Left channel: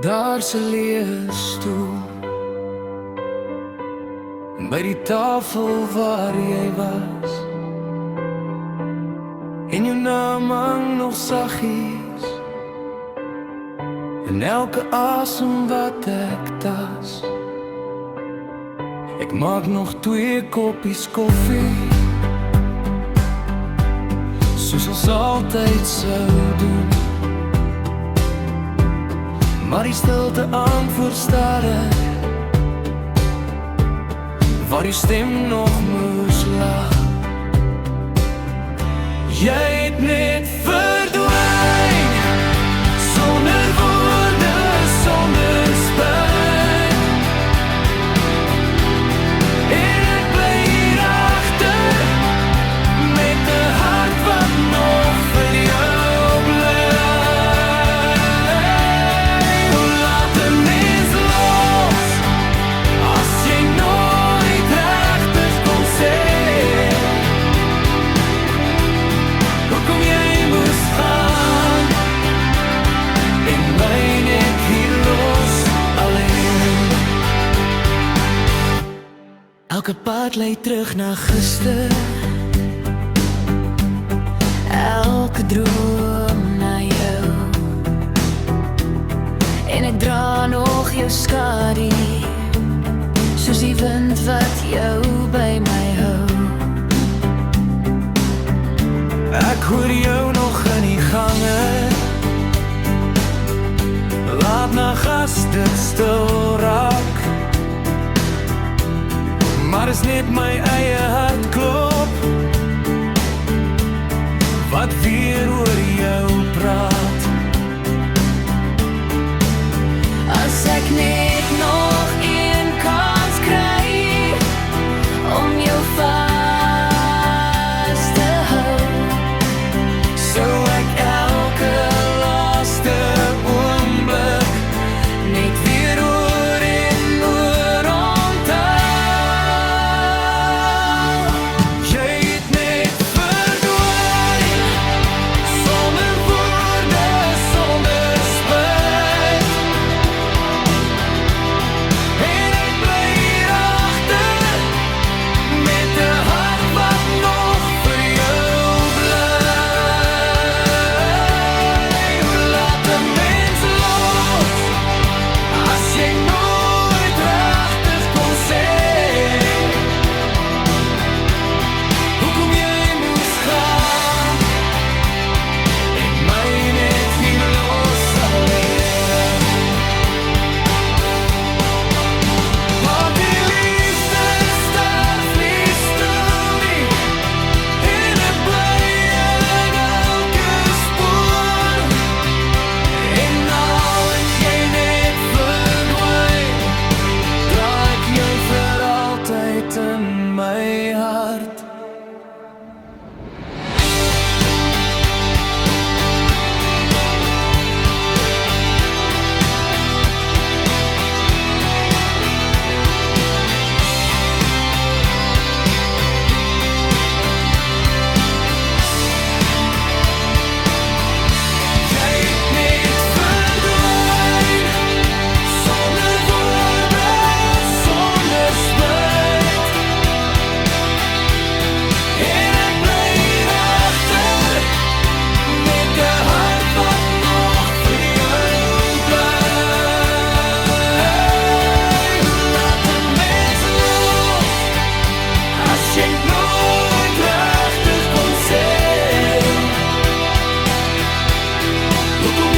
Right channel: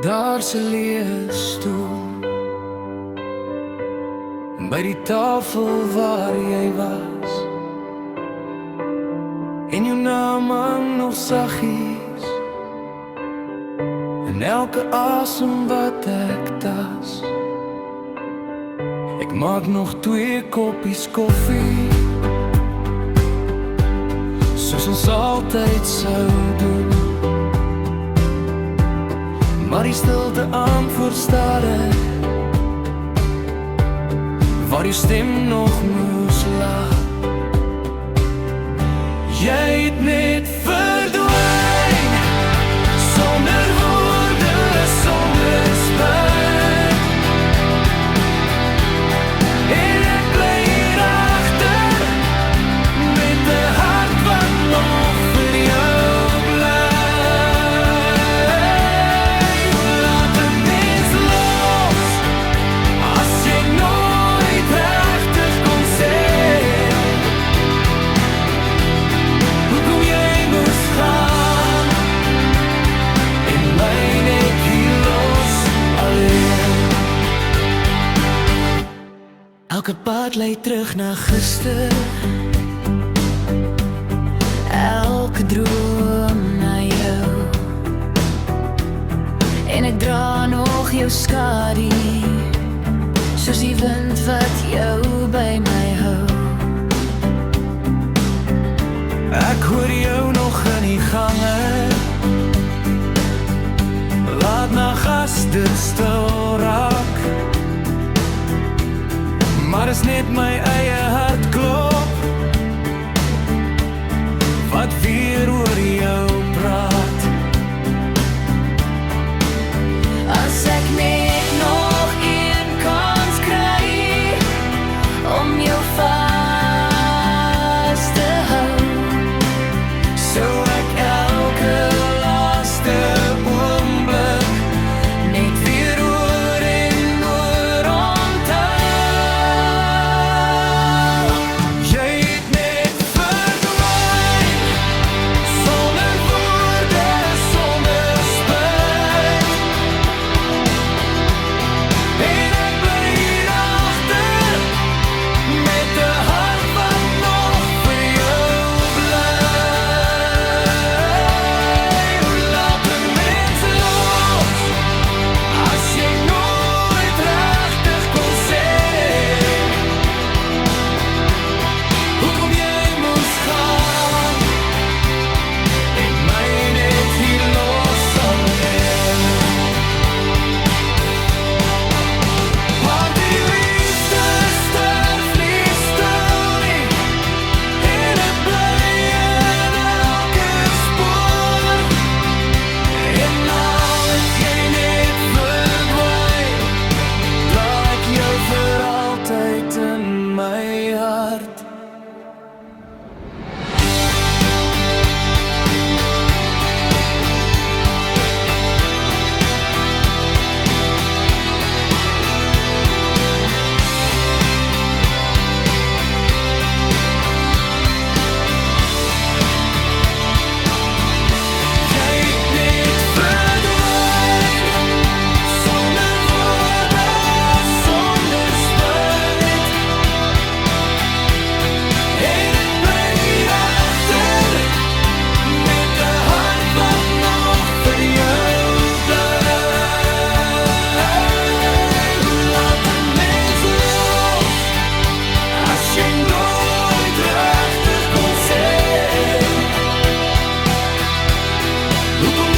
Daar's 'n leesstoel by die tafel waar jy was, en jou naam hang nog saggies in elke asem wat ek tas. Ek maak nog 2 koppies koffie, soos ons altyd sou doen. Maar die stilte antwoord stadig, waar jou stem nog moes lag. Jy het net verdwyn, sonder woorde, sonder spyt. En ek bly hier agter, met 'n hart wat nog vir jou bly. Hoe laat 'n mens los, as jy nooit regtig kon sê hoekom jy moes gaan, en my net hier los alleen. Elke pad lei terug na gister, elke droom na jou, en ek dra nog jou skadu, soos die wind wat jou by my hou. Ek hoor jou nog in die gange, laat na gas dit stil raak. Maar is net my eie hart klop, wat weer oor jou praat. As ek net nog een kans kry, om jou vas te hou, sou ek elke laaste oomblik net weer oor en oor onthou. Jy het net verdwyn, sonder woorde, sonder spyt. En ek bly hier agter, met 'n hart wat nog vir jou bly. Hoe laat 'n mens los, as jy nooit regtig kon sê hoekom jy moes gaan, en my net hier los alleen. Maar die liefde sterf nie stil nie, en ek bly in elke spoor. En nou het jy net verdwyn, dra ek jou vir altyd in my hart. Jy het net verdwyn, sonder woorde, sonder spyt. En ek bly hier agter, met 'n hart wat nog vir jou bly. Hoe laat 'n mens los, as jy nooit regtig kon sê hoekom